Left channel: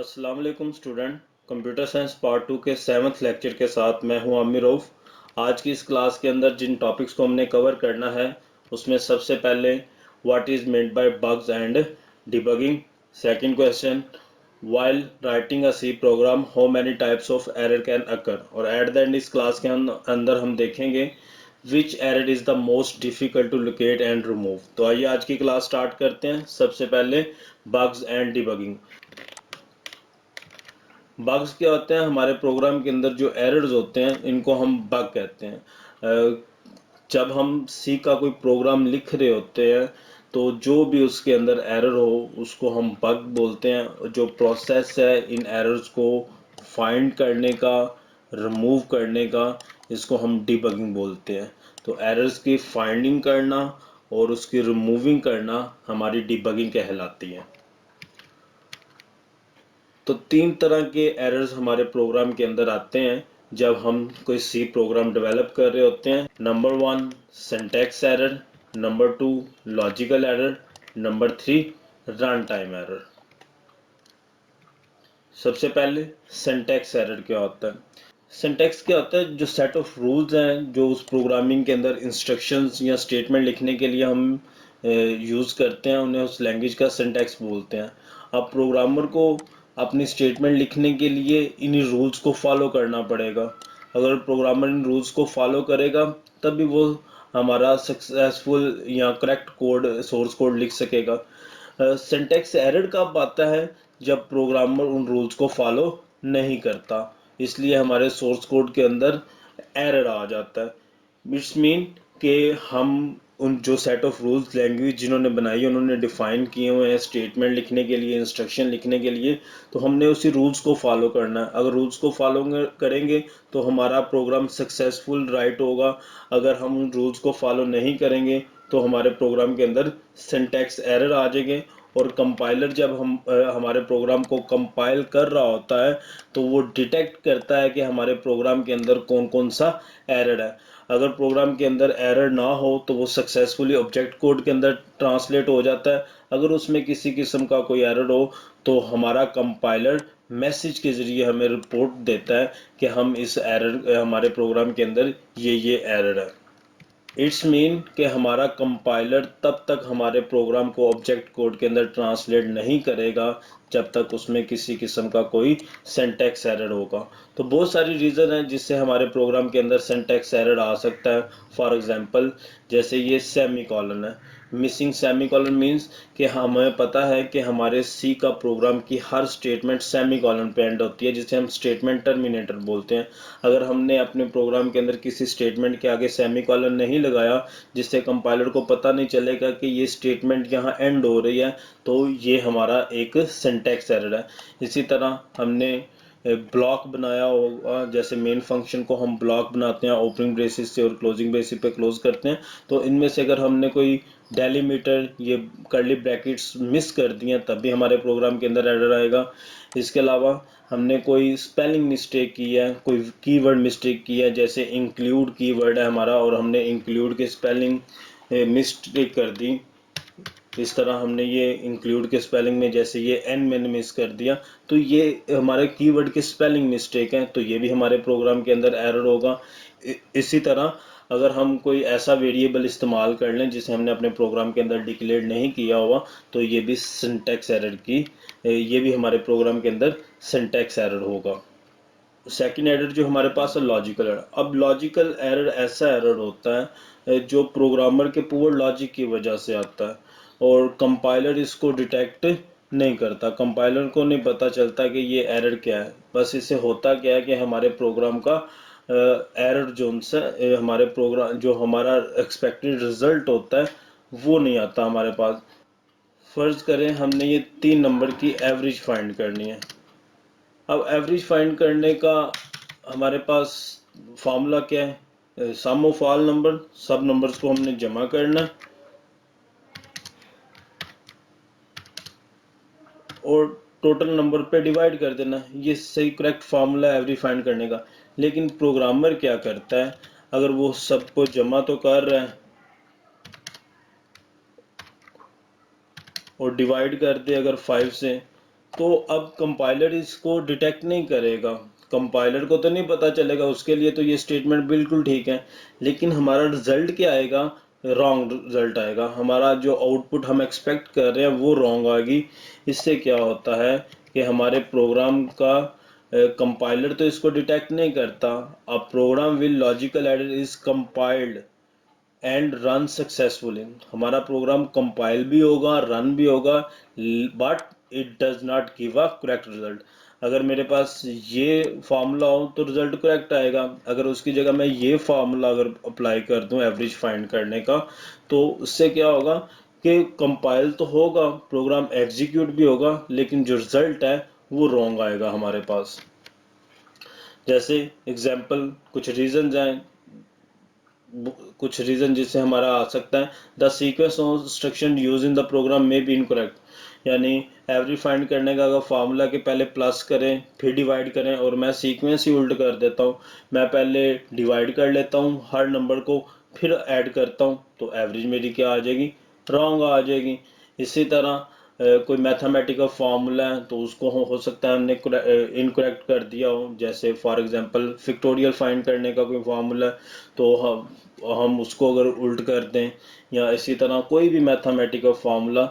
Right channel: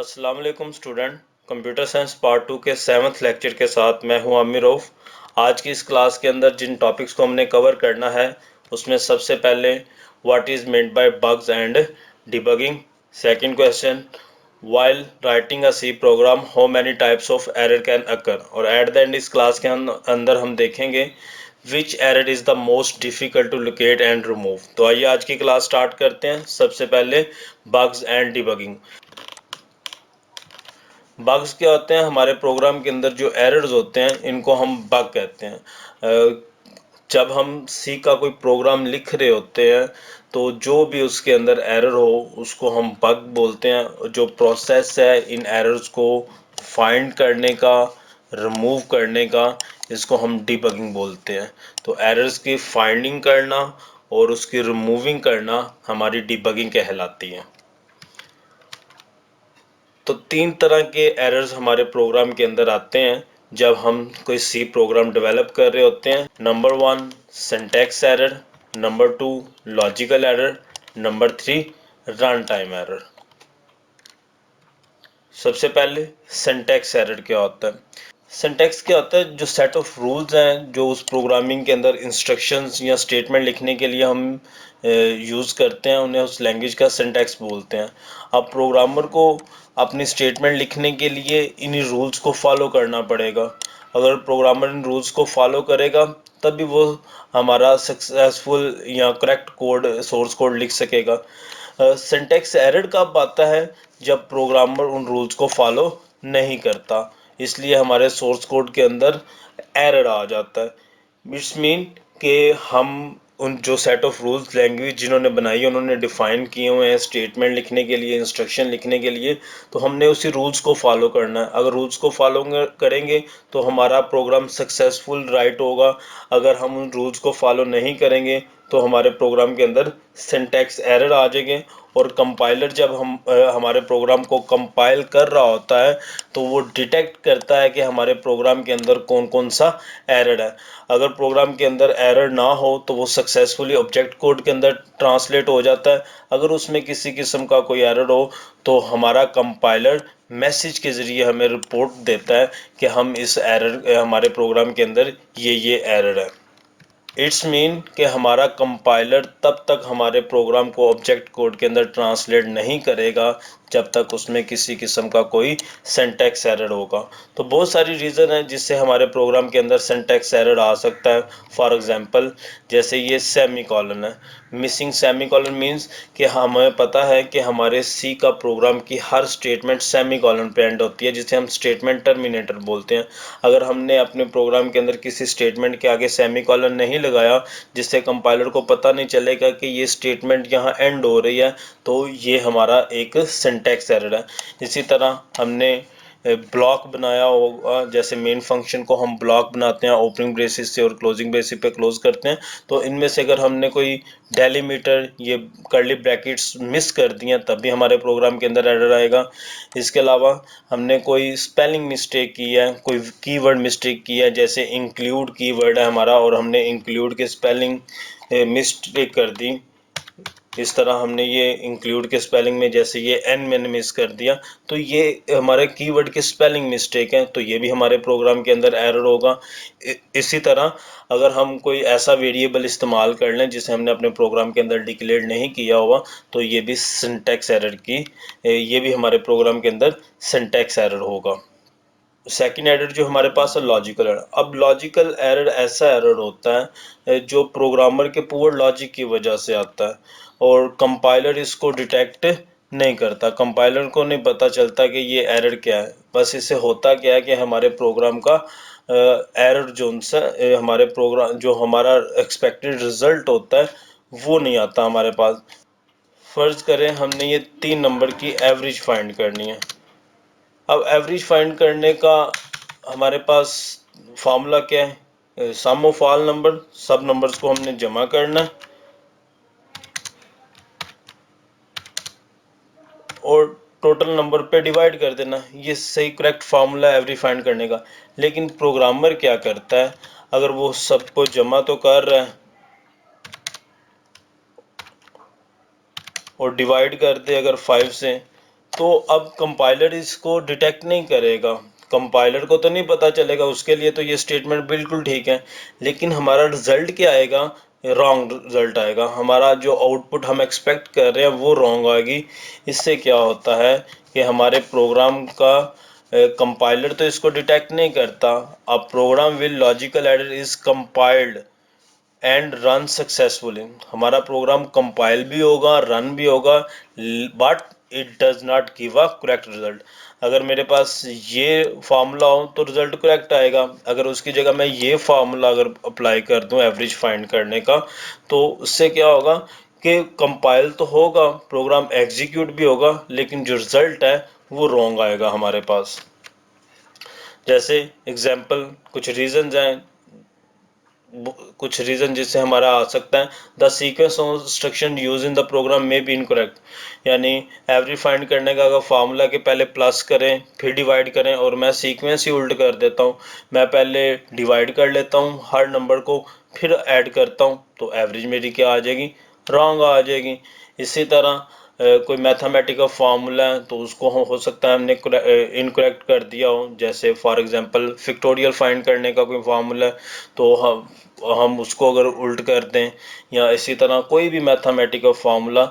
अस्सलाम वालेकुम student. Computer science part 2 के 7th लेक्चर के साथ मैं हूं आमिर रऊफ। आज की इस क्लास के अंदर जिन टॉपिक्स को हमने कवर करना है उसमें सबसे पहले what is meant by bugs and debugging. Second question, while writing a C program how many types of error can occur। और एट द एंड इस क्लास के अंदर हम देखेंगे which error is the most difficult to locate and remove। तो आइए आज की क्लास स्टार्ट करते हैं। सबसे पहले bugs and debugging। बग्स क्या होते हैं? हमारे प्रोग्राम के अंदर जो एरर्स होते हैं इनको हम बग कहते हैं। जब हम सी का कोई प्रोग्राम लिख रहे होते हैं तो जो भी उसके अंदर एरर हो उसको हम बग बोलते हैं। जो प्रोसेस है इन एरर्स को फाइंड करने का, रिमूव करने का, इसको हम डिबगिंग बोलते हैं। तो एरर्स की फाइंडिंग करना और उसकी रिमूविंग करना हमारी डिबगिंग कहलाती है। तो तीन तरह के एरर्स हमारे प्रोग्राम के अंदर आते हैं जब हम कोई सी प्रोग्राम डेवलप कर रहे होते हैं। Number 1 syntax error, number 2 logical error, number 3 run time error. सबसे पहले सिंटैक्स एरर क्या होता है? सिंटैक्स क्या होता है? जो सेट ऑफ रूल्स हैं जो उस प्रोग्रामिंग के अंदर इंस्ट्रक्शंस या स्टेटमेंट लिखने के लिए हम यूज़ करते हैं, उन्हें उस लैंग्वेज का सिंटैक्स बोलते हैं। अब प्रोग्रामर को अपनी स्टेटमेंट लिखने के लिए इन्हीं रूल्स को फॉलो करना पड़ेगा। अगर प्रोग्रामर इन रूल्स को फॉलो करेगा तभी वो हमारा सक्सेसफुल या करेक्ट कोड, सोर्स कोड लिख सकेगा। सिंटैक्स एरर कब आता है? जब प्रोग्रामर उन रूल्स को फॉलो नहीं करता, इसलिए हमारे सोर्स कोड के अंदर एरर आ जाता है। इट्स मीन कि हम उन जो सेट ऑफ रूल्स लैंग्वेज जिन्होंने बनाई है उन्होंने डिफाइन किए हुए हैं स्टेटमेंट लिखने के लिए, इंस्ट्रक्शन लिखने के लिए, तो हमने उसी रूल्स को फॉलो करना है। अगर रूल्स को फॉलो करेंगे तो हमारा प्रोग्राम सक्सेसफुल राइट होगा। अगर हम उन रूल्स को फॉलो नहीं करेंगे तो हमारे प्रोग्राम के अंदर सिंटैक्स एरर आ जाएंगे। और कंपाइलर जब हमारे प्रोग्राम को कंपाइल कर रहा होता है तो वो डिटेक्ट करता है कि हमारे प्रोग्राम के अंदर कौन कौन सा एरर है। अगर प्रोग्राम के अंदर एरर ना हो तो वो सक्सेसफुली ऑब्जेक्ट कोड के अंदर ट्रांसलेट हो जाता है। अगर उसमें किसी किस्म का कोई एरर हो तो हमारा कंपाइलर मैसेज के ज़रिए हमें रिपोर्ट देता है कि हम इस एरर, हमारे प्रोग्राम के अंदर ये एरर है। इट्स मीन कि हमारा कंपाइलर तब तक हमारे प्रोग्राम को ऑब्जेक्ट कोड के अंदर ट्रांसलेट नहीं करेगा जब तक उसमें किसी किस्म का कोई सिंटैक्स एरर होगा। तो बहुत सारी रीज़न है जिससे हमारे प्रोग्राम के अंदर सिंटैक्स एरर आ सकता है। फॉर एग्जांपल जैसे ये सेमी कॉलन है। मिसिंग सेमी कॉलन मीन्स कि हमें पता है कि हमारे सी का प्रोग्राम की हर स्टेटमेंट सेमी कॉलन पे एंड होती है, जिसे हम स्टेटमेंट टर्मिनेटर बोलते हैं। अगर हमने अपने प्रोग्राम के अंदर किसी स्टेटमेंट के आगे सेमी कॉलन नहीं लगाया जिससे कंपाइलर को पता नहीं चलेगा कि ये स्टेटमेंट यहाँ एंड हो रही है, तो ये हमारा एक सिंटैक्स एरर है। इसी तरह हमने ब्लॉक बनाया होगा, जैसे मेन फंक्शन को हम ब्लॉक बनाते हैं ओपनिंग ब्रेसिस से और क्लोजिंग ब्रेसिस पे क्लोज करते हैं। तो इनमें से अगर हमने कोई डेलीमीटर, ये कर्ली ब्रैकेट्स मिस कर दिए तब भी हमारे प्रोग्राम के अंदर एरर आएगा। इसके अलावा हमने कोई स्पेलिंग मिस्टेक की है, कोई कीवर्ड मिस्टेक की है, जैसे इंक्लूड कीवर्ड है हमारा और हमने इंक्लूड की स्पेलिंग मिस्टेक कर दी। इस तरह हमने ये इंक्लूड के स्पेलिंग में जैसे ये एन मैंने मिस कर दिया, तो ये हमारे कीवर्ड के स्पेलिंग मिस्टेक है, तो ये भी हमारे प्रोग्राम के अंदर एरर होगा। इसी तरह अगर हम कोई ऐसा वेरिएबल इस्तेमाल कर लें जिसे हमने अपने प्रोग्राम के अंदर डिक्लेयर नहीं किया हुआ, तो ये भी सिंटैक्स एरर की, ये भी हमारे प्रोग्राम के अंदर सिंटैक्स एरर होगा। सेकेंड एरर जो हमारे पास है लॉजिकल एरर। अब लॉजिकल एरर ऐसा एरर होता है जो प्रोग्रामर के पुअर लॉजिक की वजह से आता है और कंपाइलर इसको डिटेक्ट नहीं करता। कंपाइलर को नहीं पता चलता कि ये एरर क्या है। बस इससे होता क्या है कि हमारे प्रोग्राम का एरर जोन से हमारे प्रोग्राम जो हमारा एक्सपेक्टेड रिजल्ट होता है वो नहीं आता हमारे पास। फर्ज करें हमने ये 3 नंबर की एवरेज फाइंड करनी है। अब एवरेज फाइंड करने का हमारे पास फार्मूला क्या है? सम ऑफ ऑल नंबर, सब नंबर्स को हमने जमा करना और टोटल नंबर पे डिवाइड कर देना। ये सही करेक्ट फार्मूला एवरेज फाइंड करने का। लेकिन प्रोग्रामर क्या करता है? अगर वो सबको जमा तो कर रहा है और डिवाइड कर दे अगर 5 से, तो अब कंपाइलर इसको डिटेक्ट नहीं करेगा, कंपाइलर को तो नहीं पता चलेगा, उसके लिए तो ये स्टेटमेंट बिल्कुल ठीक है, लेकिन हमारा रिजल्ट क्या आएगा, रॉन्ग रिजल्ट आएगा, हमारा जो आउटपुट हम एक्सपेक्ट कर रहे हैं वो रॉन्ग आएगी। इससे क्या होता है कि हमारे प्रोग्राम का कंपाइलर तो इसको डिटेक्ट नहीं करता। अब program will logical error is compiled and run successfully, हमारा प्रोग्राम कंपाइल भी होगा, रन भी होगा, but it does not give a correct result. अगर मेरे पास ये फार्मूला हो तो रिजल्ट करेक्ट आएगा, अगर उसकी जगह मैं ये फार्मूला अगर अप्लाई कर दूं एवरेज फाइंड करने का, तो उससे क्या होगा कि कंपाइल तो होगा, प्रोग्राम एग्जीक्यूट भी होगा, लेकिन जो रिजल्ट है वो रॉन्ग आएगा हमारे पास। जैसे एग्जाम्पल कुछ रीजन हैं, कुछ रीजन जिससे हमारा आ सकता है, the sequence of instruction use in the program में बी इनकरेक्ट, यानी एवरेज फाइंड करने का अगर फार्मूला के पहले प्लस करें फिर डिवाइड करें और मैं सीक्वेंस ही उल्ट कर देता हूँ, मैं पहले डिवाइड कर लेता हूँ हर नंबर को फिर ऐड करता हूँ, तो एवरेज मेरी क्या आ जाएगी, रॉन्ग आ जाएगी। इसी तरह कोई मैथमेटिकल फार्मूला है तो उसको हो सकता है हमने इनकरेक्ट कर दिया हो, जैसे फॉर एग्जांपल फिक्टोरियल फाइंड करने का कोई फार्मूला है तो हम उसको अगर उल्ट कर दें, या इसी तरह कोई भी मैथमेटिकल फार्मूला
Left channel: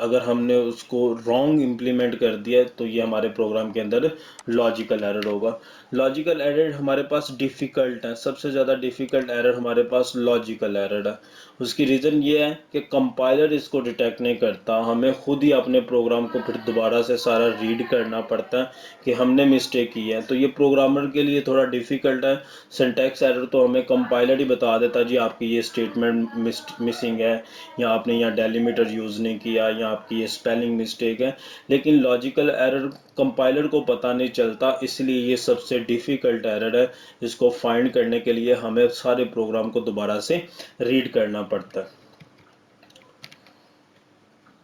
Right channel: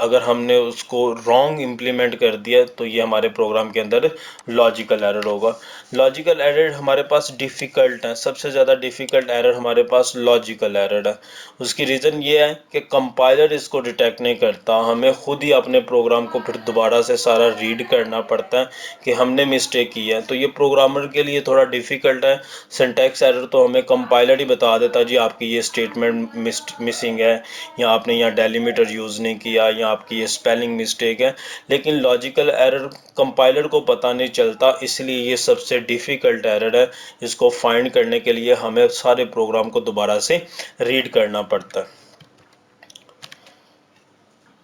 अगर हमने उसको रॉन्ग इम्प्लीमेंट कर दिया तो ये हमारे प्रोग्राम के अंदर लॉजिकल एरर होगा। लॉजिकल एरर हमारे पास डिफ़िकल्ट है, सबसे ज़्यादा डिफ़िकल्ट एरर हमारे पास लॉजिकल एरर है। उसकी रीज़न ये है कि कंपाइलर इसको डिटेक्ट नहीं करता, हमें खुद ही अपने प्रोग्राम को फिर दोबारा से सारा रीड करना पड़ता है कि हमने मिस्टेक की है, तो ये प्रोग्रामर के लिए थोड़ा डिफ़िकल्ट है। सिंटैक्स एरर तो हमें कंपाइलर ही बता देता जी आपकी ये स्टेटमेंट मिसिंग है, या आपने यहाँ डेलीमीटर यूज़ नहीं किया, या आपकी ये स्पेलिंग मिस्टेक है, लेकिन लॉजिकल एरर कंपाइलर को पता नहीं चलता, इसलिए ये सबसे डिफ़िकल्ट एरर है। इसको फाइंड करने के लिए हमें सारे प्रोग्राम को दोबारा से रीड करना पड़ता है।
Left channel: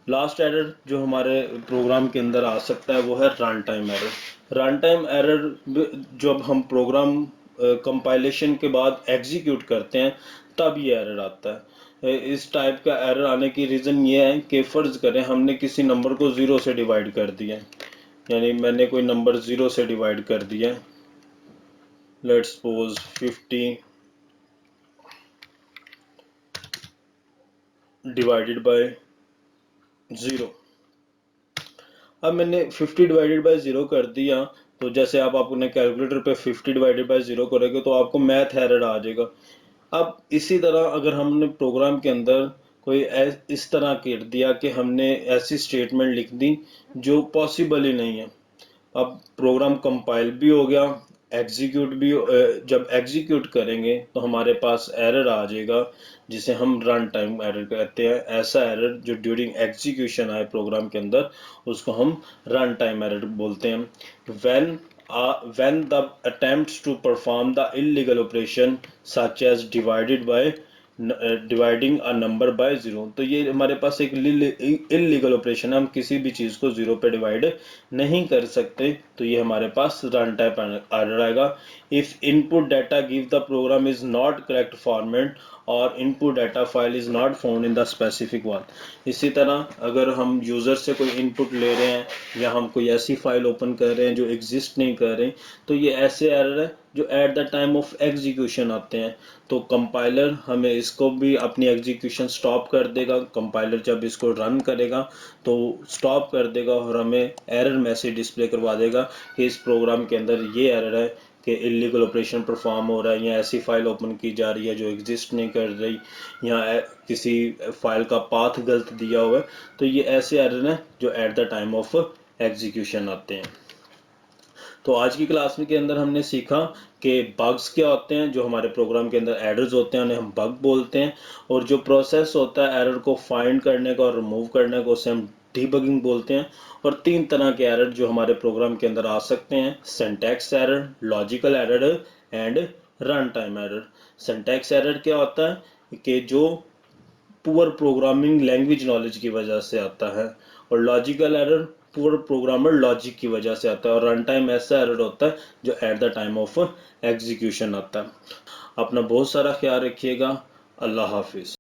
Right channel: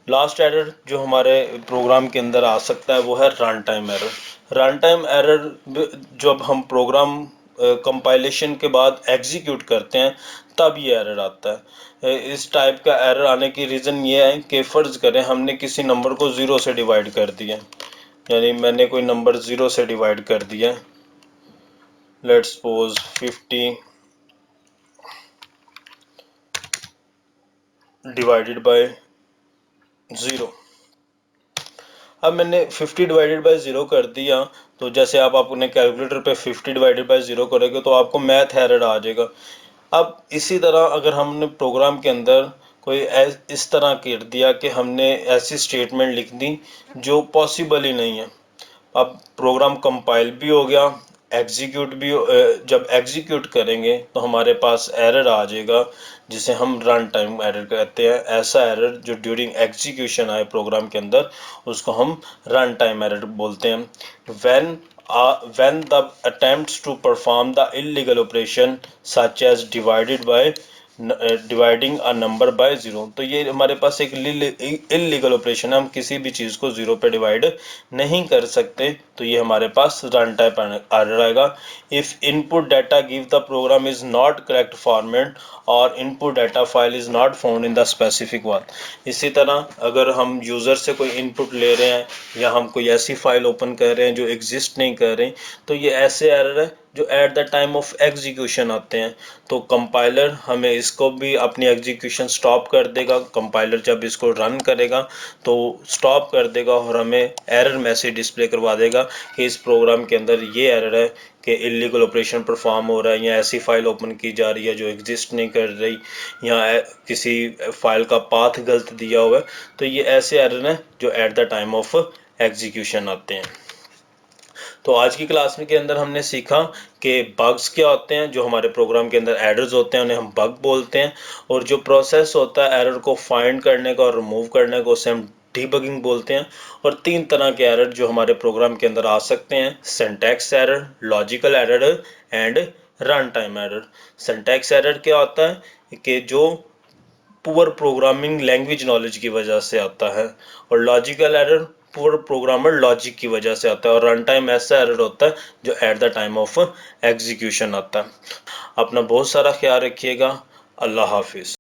लास्ट एरर जो हमारे प्रोग्राम के अंदर आ सकता है वो है run time error. Run time error जब हम प्रोग्राम कंपाइलेशन के बाद एग्जीक्यूट करते हैं तब ये एरर आता है। इस टाइप का एरर आने की रीज़न ये है कि फ़र्ज़ करें हमने किसी नंबर को ज़ीरो से डिवाइड कर दिया, यानी मैंने कोई नंबर ज़ीरो से डिवाइड कर दिया, let's suppose 50 divided by zero. अब मैंने 50 डिवाइडेड बाय ज़ीरो कर दिया, तो जैसे आप अपने कैलकुलेटर पे 50 डिवाइडेड बाय ज़ीरो करोगे तो आपको मैथ एरर आ जाएगा। अब इसी तरह अगर हमने प्रोग्राम के अंदर कोई इस तरह कर दिया कि हमने ऐसी स्टेटमेंट लिख दी जो पॉसिबल ही नहीं है, अब प्रोग्राम कंपाइल भी हो गया, एग्जीक्यूट भी जब एग्जीक्यूट करेंगे तो हमारे पास एरर आ जाएगा जिसे हम रन टाइम एरर कहते हैं। ऐसा एरर जो ड्यूरिंग एग्जीक्यूशन आए प्रोग्राम के अंदर उसको हम रन टाइम एरर बोलते हैं। when the attempts to perform the illegal operation such as dividing a number by zero, तो ये हमारे पास एक इलीगल ऑपरेशन है, हम किसी भी चीज़ को ज़ीरो पे डिवाइड नहीं कर सकते, तो ये हमारे पास रन टाइप एरर आएगा। If input data give the program is not correct format और input data file is not found in the specific one. इसी तरह अगर हम यूज़र से कोई इनपुट ले रहे हैं या हम कोई ऐसी फाइल ओपन कर रहे हैं जो एग्जिस्ट नहीं कर रही, तो ये ऐसे एरर है जो at the time of execution आते हैं, तो कंपाइलर हमें इसको भी अपनी एग्जीक्यूशन स्टॉप कर देगा। कंपाइलर जब इसको रन करेगा तो स्टॉप कर देगा और हमें एरर मैसेज डिस्प्ले करवा देगा कि इस प्रोग्राम के अंदर ये एरर है कि इलीगल ऑपरेशन परफॉर्म हो रहा है, या ऐसी फाइल ओपन की जा रही है जो एग्जिस्ट नहीं कर रही, या किसी फाइल का पाथ गलत दिया हुआ है, तो ये ऐसे एरर हैं जो at the time of execution आते हैं। तो आज की क्लास में के अंदर हमने सीखा कि बग्स क्या होते हैं, जो हमारे प्रोग्राम के अंदर एरर्स होते हैं उन्हें हम बग बोलते हैं, और जो प्रोसेस होता है एरर को फाइंड करने का और रिमूव करने को उसे हम डीबगिंग बोलते हैं। और तीन तरह के एरर जो हमारे प्रोग्राम के अंदर आ सकते हैं, syntax error, logical error and run time error. Syntax error क्या होता है कि जो पुअर प्रोग्रामिंग लैंग्वेज नॉलेज की वजह से आता है, और logical error poor programmer logic की वजह से आता है, और रन टाइम ऐसा एरर होता है जो at the time of execution आता है। अपना बहुत सारा ख्याल रखिएगा। अल्लाह हाफिज़।